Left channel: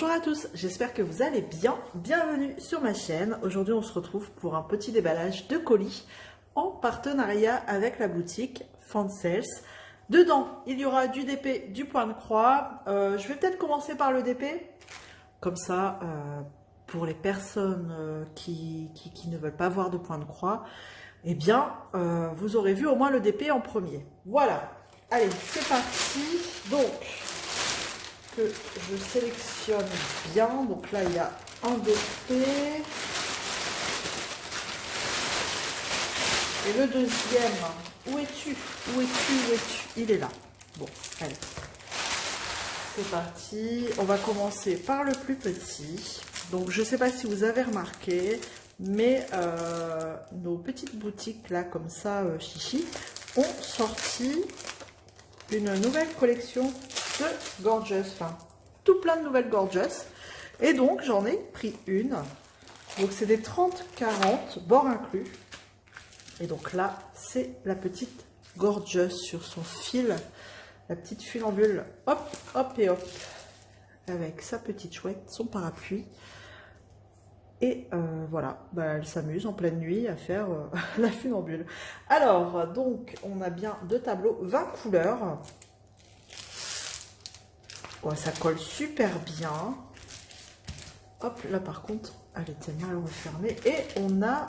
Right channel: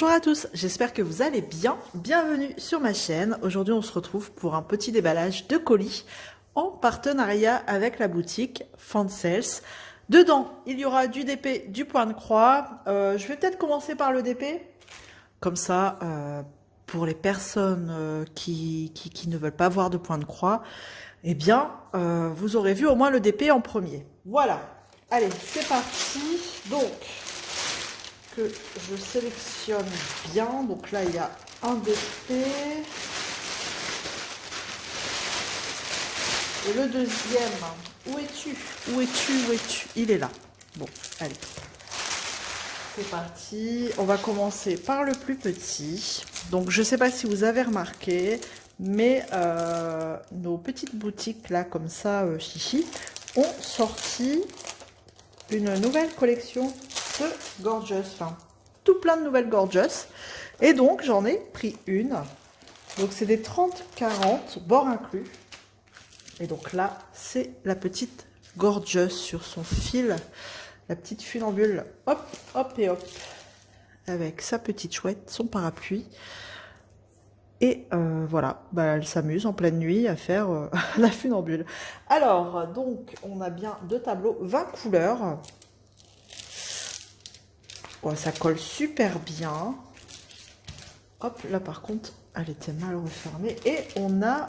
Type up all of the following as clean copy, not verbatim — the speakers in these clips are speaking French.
Bonjour à tous, j'espère que vous allez bien. Bienvenue sur ma chaîne. Aujourd'hui, on se retrouve pour un petit déballage de colis en partenariat avec la boutique Fansels. Dedans, il y aura du DP, du point de croix. Je vais peut-être commencer par le DP. Comme ça, pour les personnes qui ne veulent pas voir de point de croix, eh bien, vous aurez vu au moins le DP en premier. Voilà. Allez, c'est parti. Donc, que je sélectionne bien. Donc là, il y a un DP. Et le deuxième, où es-tu? Où es-tu? Où es-tu? Il est là. Bon, allez. C'est parti. On va commencer par le plus petit. Donc, je ne sais pas si vous avez remarqué, mais nos petites boutiques, là, comme ça, chichi, ont sorti une nouvelle collection de Gorgeous. Enfin, tout plein de nouvelles Gorgeous. Et donc, j'en ai pris une. Donc, c'est des 30-40, bord inclus. Et donc là, c'est la petite Gorgeous sur son fil. La petite funambule, hop, hop et hop. Avec sa petite chouette, son parapluie. Et voilà, bah, elle s'amuse en pleine nuit à faire la funambule. Alors, donc, on a bien deux tableaux, 20 couleurs. Oh, ça colle super bien. Hop, là par contre, elle était mal refermée. Et on a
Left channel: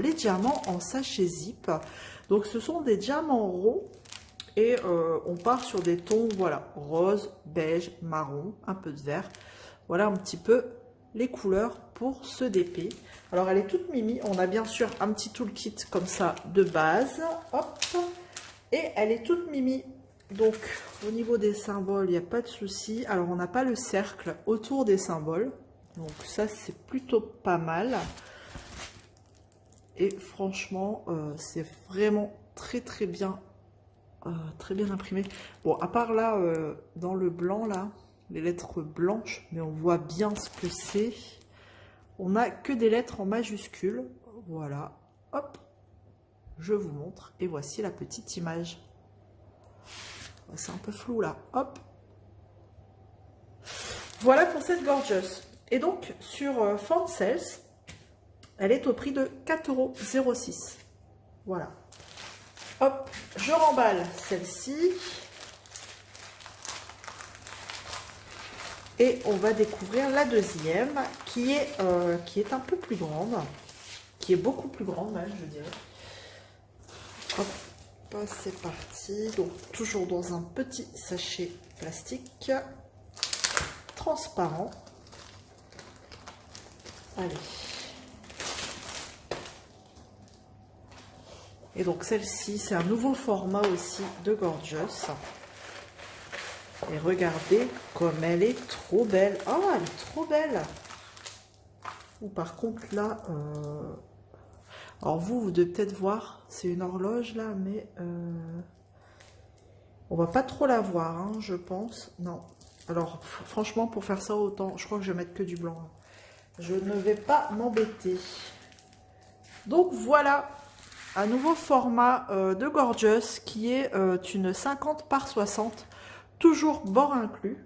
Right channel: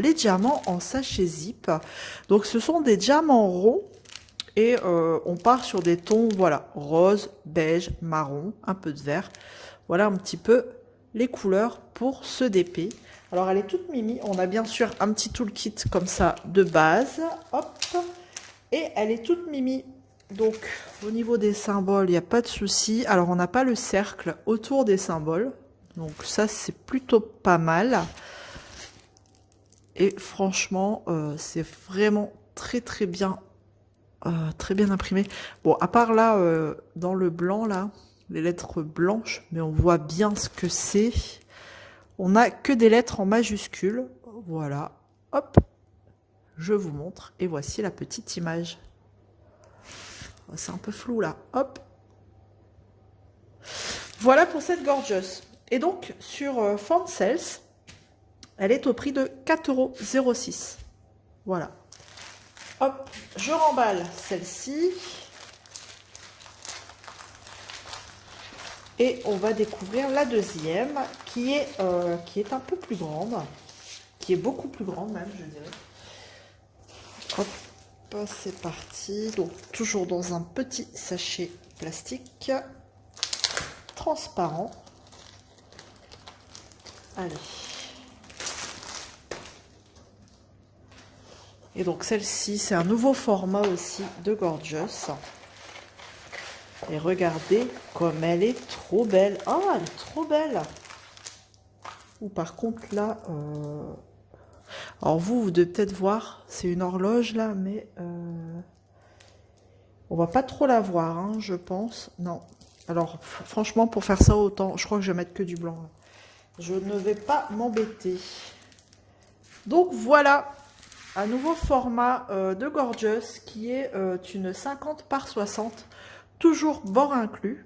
les diamants en sachet zip. Donc, ce sont des diamants ronds. Et on part sur des tons, voilà, rose, beige, marron, un peu de vert. Voilà un petit peu les couleurs pour ce DP. Alors, elle est toute mimi. On a bien sûr un petit toolkit comme ça de base. Hop. Et elle est toute mimi. Donc, au niveau des symboles, il n'y a pas de souci. Alors, on n'a pas le cercle autour des symboles. Donc, ça, c'est plutôt pas mal. Et franchement, c'est vraiment très bien imprimé. Bon, à part là, dans le blanc, là, les lettres blanches, mais on voit bien ce que c'est. On n'a que des lettres en majuscules. Voilà. Hop. Je vous montre. Et voici la petite image. C'est un peu flou là. Hop. Voilà pour cette Gorgeous. Et donc, sur Fansels, elle est au prix de 4,06 €. Voilà. Hop, je remballe celle-ci. Et on va découvrir la deuxième, qui est un peu plus grande. Qui est beaucoup plus grande même, je dirais. Hop, c'est parti. Donc, toujours dans un petit sachet plastique transparent. Allez. Et donc celle-ci, c'est un nouveau format aussi de Gorgeous. Et regardez comme elle est trop belle. Oh, elle est trop belle. Ou par contre là, alors vous devez peut-être voir, c'est une horloge là, mais on va pas trop la voir, hein, je pense. Non. Alors franchement, pour faire ça autant, je crois que je vais mettre que du blanc. Je ne vais pas m'embêter. Donc voilà, un nouveau format de Gorgeous qui est une 50 par 60, toujours bord inclus.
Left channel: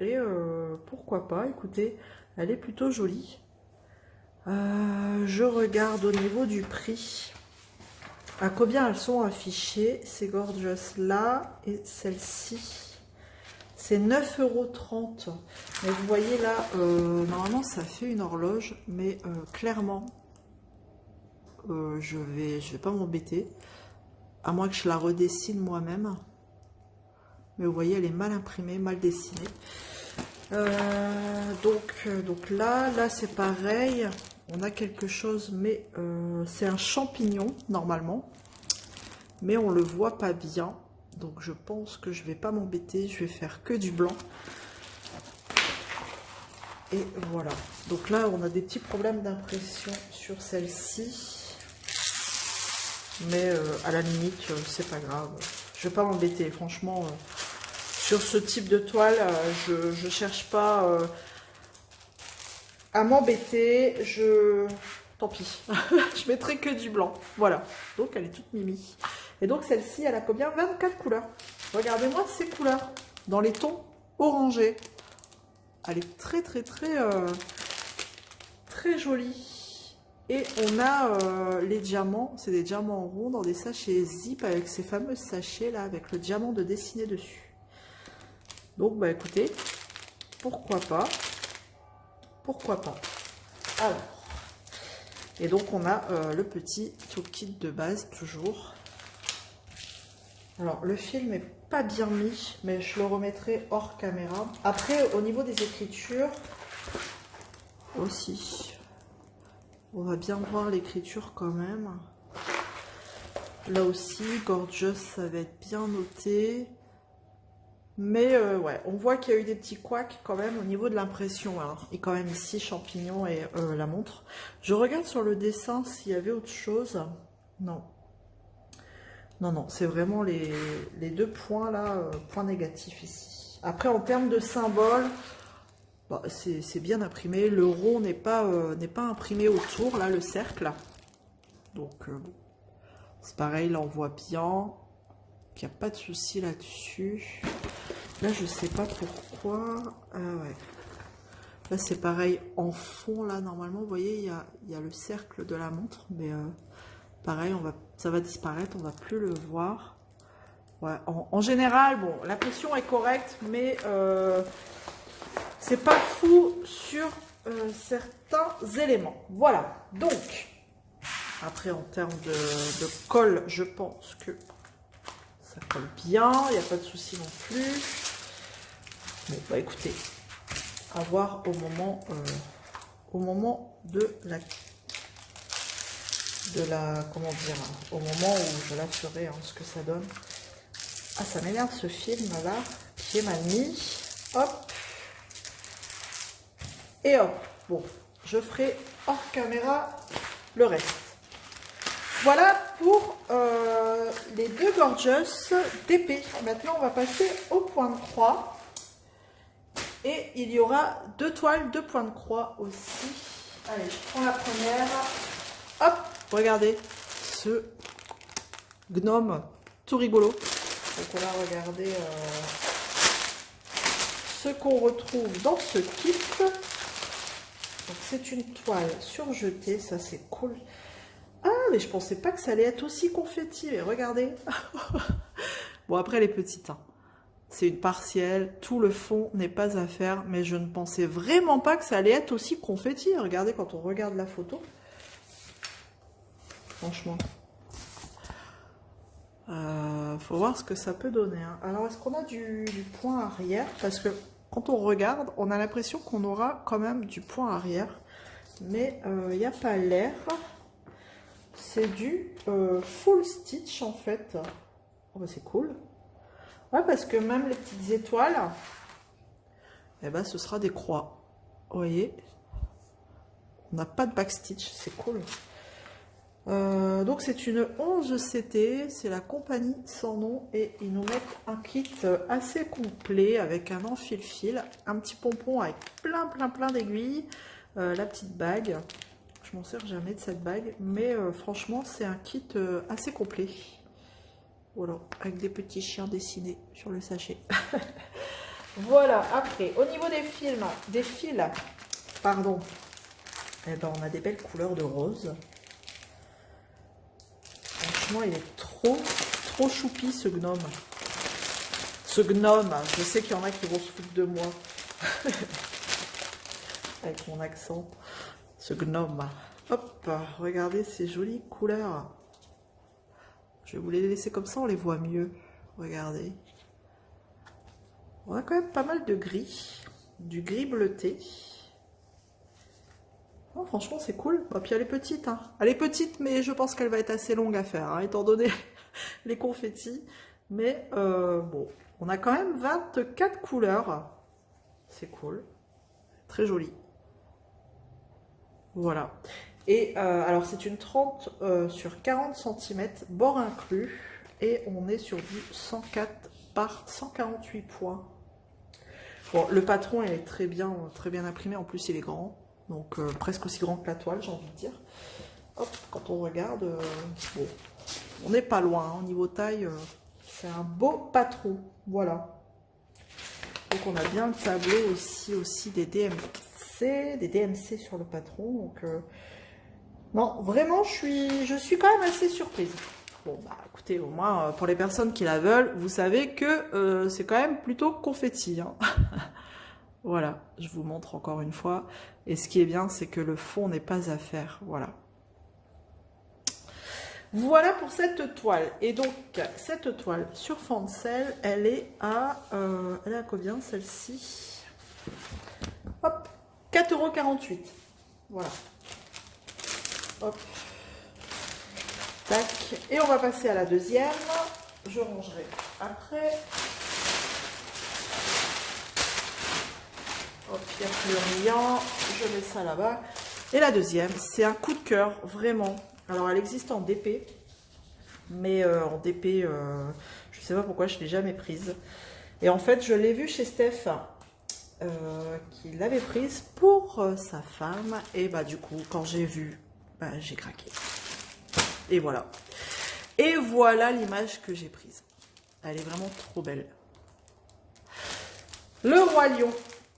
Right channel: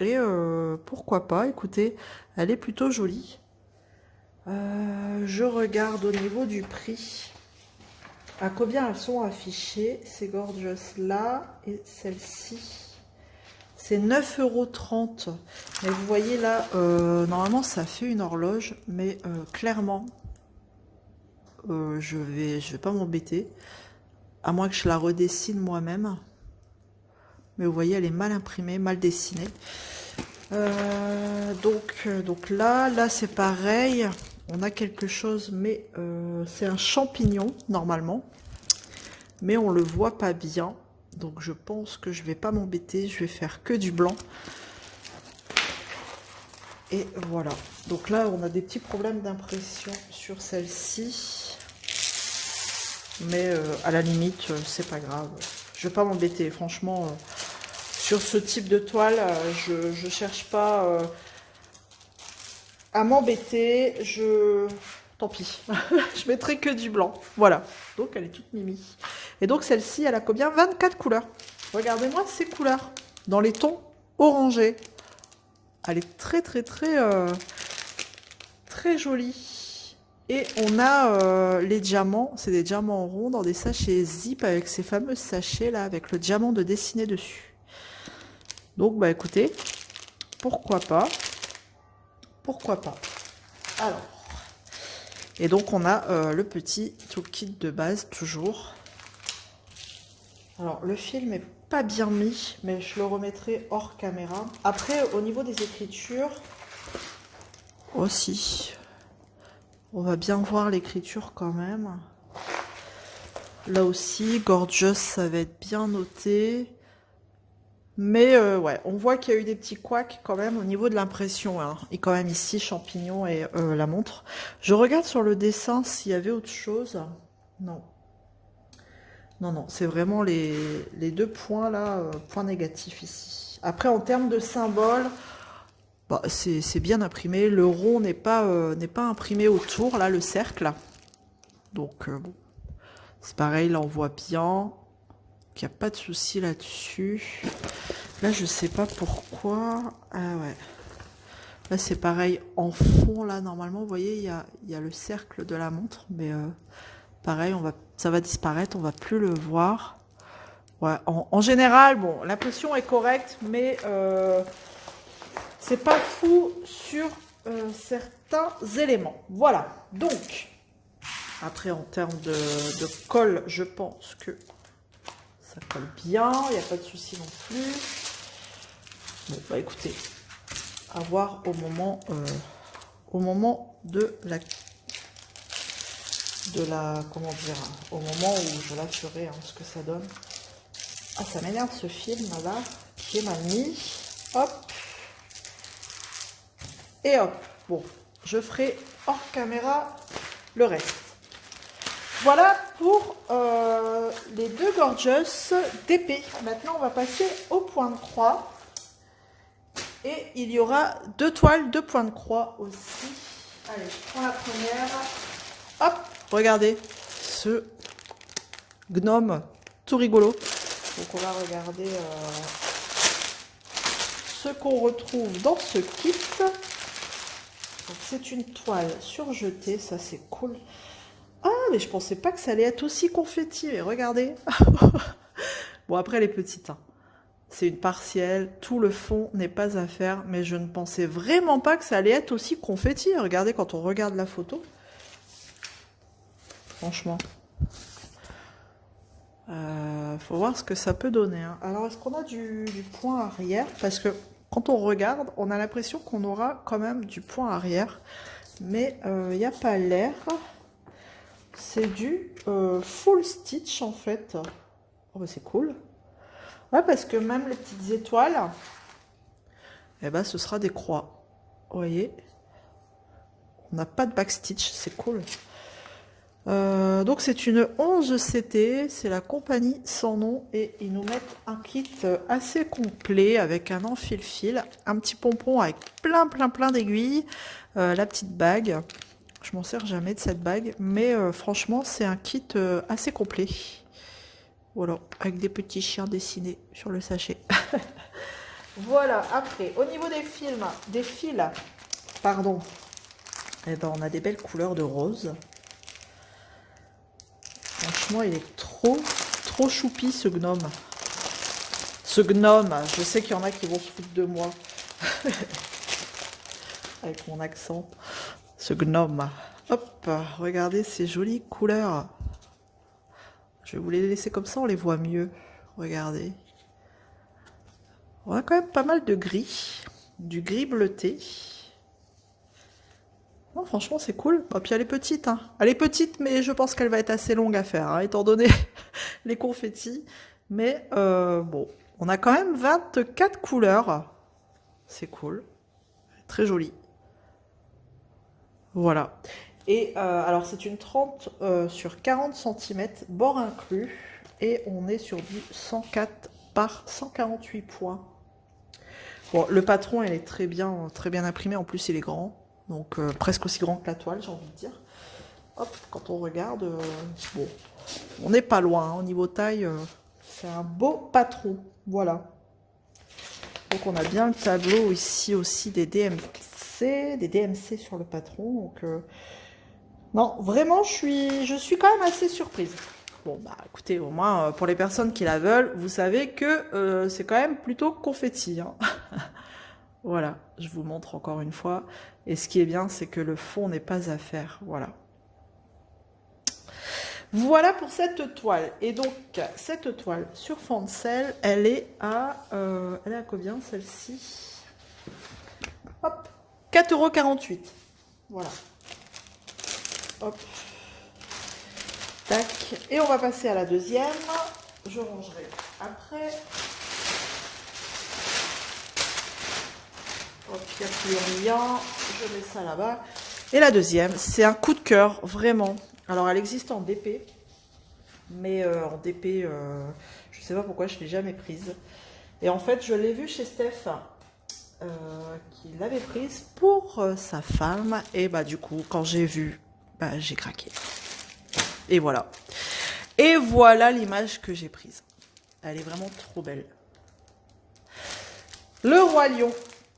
Et pourquoi pas, écoutez, elle est plutôt jolie. Je regarde au niveau du prix. À combien elles sont affichées, ces Gorgeous là et celle-ci. C'est 9,30 €. Mais vous voyez là, normalement ça fait une horloge, mais clairement, je vais pas m'embêter. À moins que je la redessine moi-même. Mais vous voyez, elle est mal imprimée, mal dessinée. Donc là c'est pareil. On a quelque chose, mais c'est un champignon normalement. Mais on le voit pas bien. Donc je pense que je vais pas m'embêter. Je vais faire que du blanc. Et voilà. Donc là, on a des petits problèmes d'impression sur celle-ci. Mais à la limite, c'est pas grave. Je vais pas m'embêter. Franchement, sur ce type de toile, je cherche pas à m'embêter. Tant pis. Je mettrai que du blanc. Voilà. Donc, elle est toute mimi. Et donc, celle-ci, elle a combien? 24 couleurs. Regardez-moi ces couleurs. Dans les tons orangés. Elle est très très jolie. Et on a les diamants, c'est des diamants ronds dans des sachets zip avec ces fameux sachets là avec le diamant de dessiné dessus. Donc bah écoutez, pourquoi pas. Pourquoi pas. Alors, et donc on a le petit toolkit de base toujours. Alors le film est pas bien mis, mais je le remettrai hors caméra. Après au niveau des écritures aussi, on va bien voir l'écriture quand même. Là aussi, Gorgeous, ça va être bien noté. Mais ouais, on voit qu'il y a eu des petits couacs quand même au niveau de l'impression. Hein. Et quand même ici, champignon et la montre. Je regarde sur le dessin s'il y avait autre chose. Non. Non, non, c'est vraiment les deux points là, points négatifs ici. Après, en termes de symboles, bah, c'est bien imprimé. Le rond n'est pas imprimé autour, là, le cercle. Donc, bon, c'est pareil, là, on voit bien qu'il n'y a pas de souci là-dessus. Là, je sais pas pourquoi. Ah ouais. Là, c'est pareil en fond, là, normalement, vous voyez, il y a le cercle de la montre, mais pareil, ça va disparaître, on va plus le voir. Ouais, en général, bon, l'impression est correcte, mais c'est pas fou sur certains éléments. Voilà, donc, après, en termes de colle, je pense que ça colle bien, il n'y a pas de souci non plus. Bon, bah écoutez, à voir au moment de la, comment dire, au moment où je la ferai, hein, ce que ça donne. Ah, ça m'énerve ce film là, qui est mal mis. Hop. Et hop. Bon, je ferai hors caméra le reste. Voilà pour les deux Gorgeous d'épée. Maintenant, on va passer au point de croix. Et il y aura deux toiles, deux points de croix aussi. Allez, je prends la première. Hop, regardez ce gnome tout rigolo. Donc on va regarder ce qu'on retrouve dans ce kit. C'est une toile surjetée, ça c'est cool. Ah, mais je pensais pas que ça allait être aussi confetti. Mais regardez. Bon, après elle est petite, hein. C'est une partielle, tout le fond n'est pas à faire, mais je ne pensais vraiment pas que ça allait être aussi confetti. Regardez quand on regarde la photo. Franchement. Faut voir ce que ça peut donner. Hein. Alors, est-ce qu'on a du point arrière? Parce que quand on regarde, on a l'impression qu'on aura quand même du point arrière. Mais il n'y a pas l'air. C'est du full stitch en fait. Oh, bah, c'est cool. Ouais, parce que même les petites étoiles, eh ben, ce sera des croix. Vous voyez? On n'a pas de backstitch, c'est cool. Donc c'est une 11 CT, c'est la compagnie sans nom et ils nous mettent un kit assez complet avec un enfile-fil, un petit pompon avec plein d'aiguilles, la petite bague. Je m'en sers jamais de cette bague, mais franchement c'est un kit assez complet. Voilà, avec des petits chiens dessinés sur le sachet. Voilà, après, au niveau des fils, pardon, eh ben, on a des belles couleurs de rose. Franchement, il est trop choupi ce gnome. Ce gnome, je sais qu'il y en a qui vont se foutre de moi. Avec mon accent. Ce gnome. Hop, regardez ces jolies couleurs. Je vais vous les laisser comme ça, on les voit mieux. Regardez. On a quand même pas mal de gris. Du gris bleuté. Non, franchement, c'est cool. Et puis elle est petite. Hein. Elle est petite, mais je pense qu'elle va être assez longue à faire, hein, étant donné les confettis. Mais bon, on a quand même 24 couleurs. C'est cool. Très joli. Voilà. Et alors, c'est une 30 sur 40 cm, bord inclus. Et on est sur du 104 par 148 points. Bon, le patron, il est très bien imprimé. En plus, il est grand. Donc, presque aussi grand que la toile, j'ai envie de dire. Hop, quand on regarde, bon, on n'est pas loin. Hein, au niveau taille, c'est un beau patron. Voilà. Donc on a bien le tableau ici aussi des DMC sur le patron. Donc non, vraiment je suis quand même assez surprise. Bon bah écoutez, au moins pour les personnes qui la veulent, vous savez que c'est quand même plutôt confetti, hein. Voilà, je vous montre encore une fois. Et ce qui est bien, c'est que le fond n'est pas à faire. Voilà. Voilà pour cette toile. Et donc, cette toile sur fond de sel, elle est à combien celle-ci? Hop, 4,48 €. Voilà. Hop. Tac. Et on va passer à la deuxième. Je rangerai après. Hop, il n'y a plus rien. Je mets ça là-bas. Et la deuxième, c'est un coup de cœur, vraiment. Alors, elle existe en DP. Mais en DP, je ne sais pas pourquoi je ne l'ai jamais prise. Et en fait, je l'ai vue chez Steph, qui l'avait prise pour sa femme. Et bah du coup, quand j'ai vu, bah, j'ai craqué. Et voilà. Et voilà l'image que j'ai prise. Elle est vraiment trop belle. Le Roi Lion.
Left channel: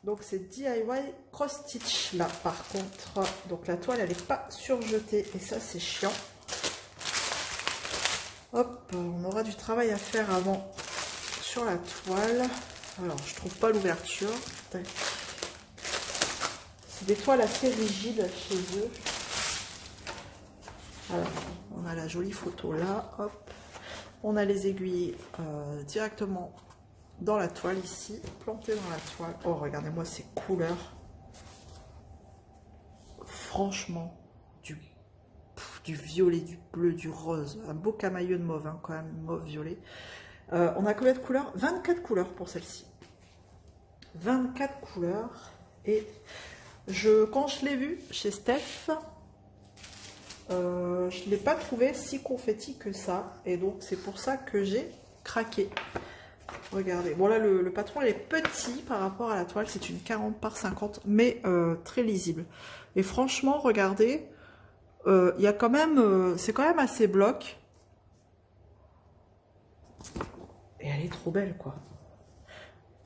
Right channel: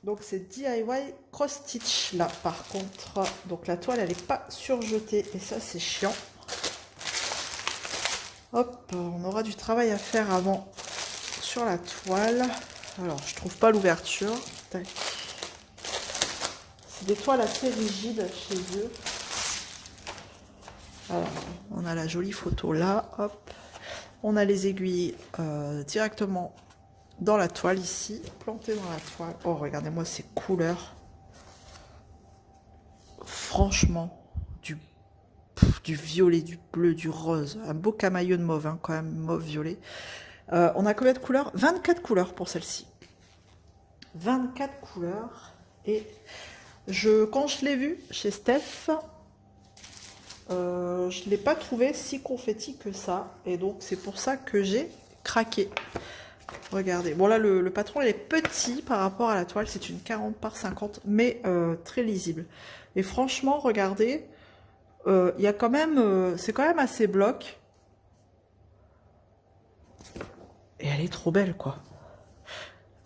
Donc c'est DIY Cross Stitch là par contre. Donc la toile elle n'est pas surjetée et ça c'est chiant. Hop, on aura du travail à faire avant sur la toile. Alors je trouve pas l'ouverture. C'est des toiles assez rigides chez eux. Alors, on a la jolie photo là. Hop. On a les aiguilles directement dans la toile ici, plantées dans la toile. Oh, regardez-moi ces couleurs. Franchement, du violet, du bleu, du rose. Un beau camailleux de mauve, hein, quand même, mauve-violet. On a combien de couleurs? 24 couleurs pour celle-ci. 24 couleurs. Et quand je l'ai vue chez Steph, je ne l'ai pas trouvé si confetti que ça. Et donc, c'est pour ça que j'ai craqué. Regardez. Bon, là, le patron, il est petit par rapport à la toile. C'est une 40 par 50, mais très lisible. Et franchement, regardez, il y a quand même... c'est quand même assez bloc. Et elle est trop belle, quoi.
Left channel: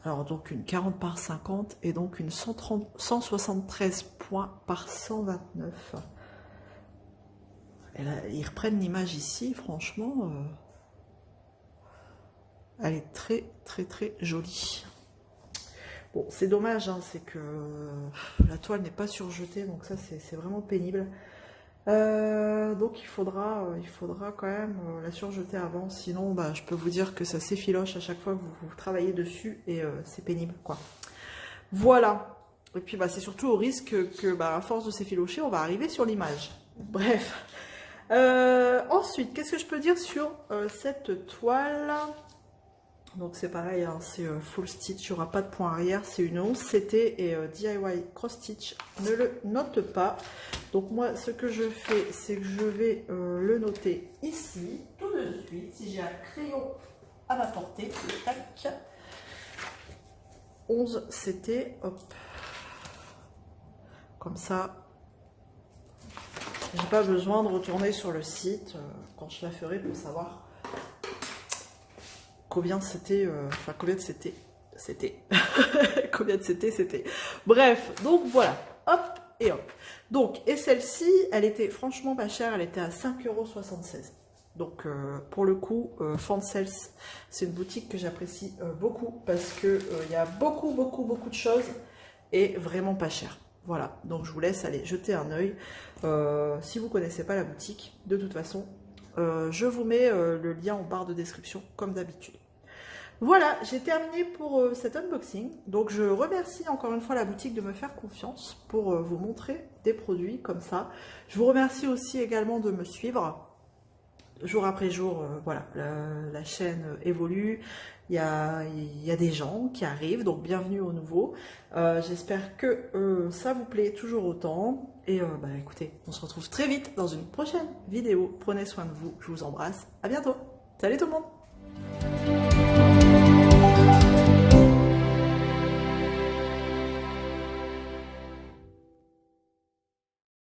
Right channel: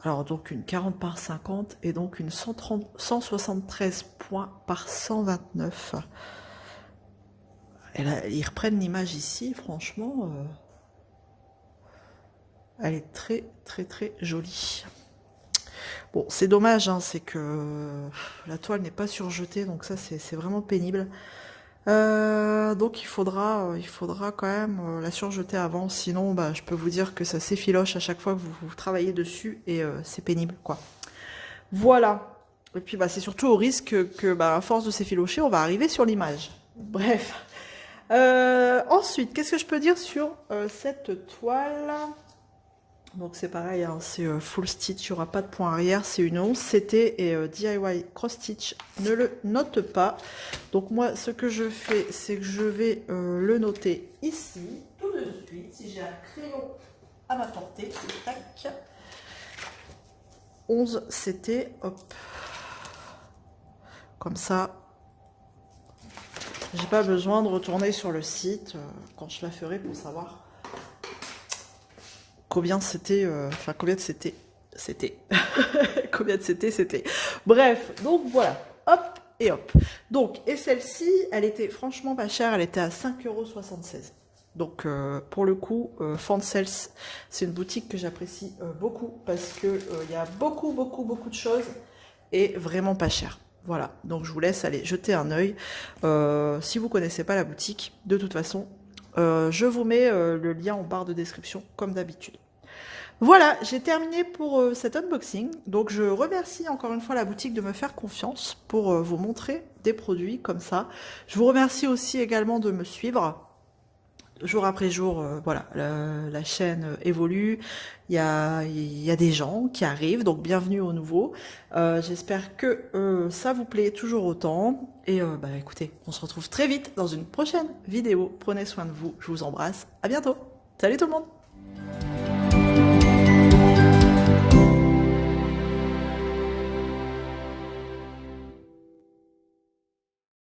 Alors, donc, une 40 par 50 et donc une 173 points par 129. Et là, ils reprennent l'image ici, franchement... elle est très, très, très jolie. Bon, c'est dommage, hein, c'est que la toile n'est pas surjetée, donc ça, c'est vraiment pénible. Donc, il faudra quand même la surjeter avant, sinon, bah, je peux vous dire que ça s'effiloche à chaque fois que vous travaillez dessus, et c'est pénible, quoi. Voilà. Et puis, bah, c'est surtout au risque que, bah, à force de s'effilocher, on va arriver sur l'image. Bref. Ensuite, qu'est-ce que je peux dire sur cette toile? Donc c'est pareil, hein, c'est full stitch, il n'y aura pas de point arrière, c'est une 11 CT et DIY cross stitch ne le note pas. Donc moi ce que je fais, c'est que je vais le noter ici, tout de suite, si j'ai un crayon à ma portée, tac, 11 CT, hop, comme ça, j'ai pas besoin de retourner sur le site quand je la ferai pour savoir combien c'était, enfin combien de c'était, combien de c'était. Bref, donc voilà, hop et hop. Donc, et celle-ci, elle était franchement pas chère, elle était à 5,76 €. Donc, pour le coup, Fansels, c'est une boutique que j'apprécie beaucoup parce que il y a beaucoup de choses et vraiment pas cher. Voilà, donc je vous laisse aller jeter un œil. Si vous connaissez pas la boutique, de toute façon, je vous mets le lien en barre de description comme d'habitude. Voilà, j'ai terminé pour cet unboxing. Donc je remercie encore une fois la boutique de me faire confiance pour vous montrer des produits comme ça. Je vous remercie aussi également de me suivre jour après jour. Voilà, la chaîne évolue. Il y a des gens qui arrivent, donc bienvenue aux nouveaux. J'espère que ça vous plaît toujours autant. Et bah, écoutez, on se retrouve très vite dans une prochaine vidéo. Prenez soin de vous, je vous embrasse. À bientôt. Salut tout le monde.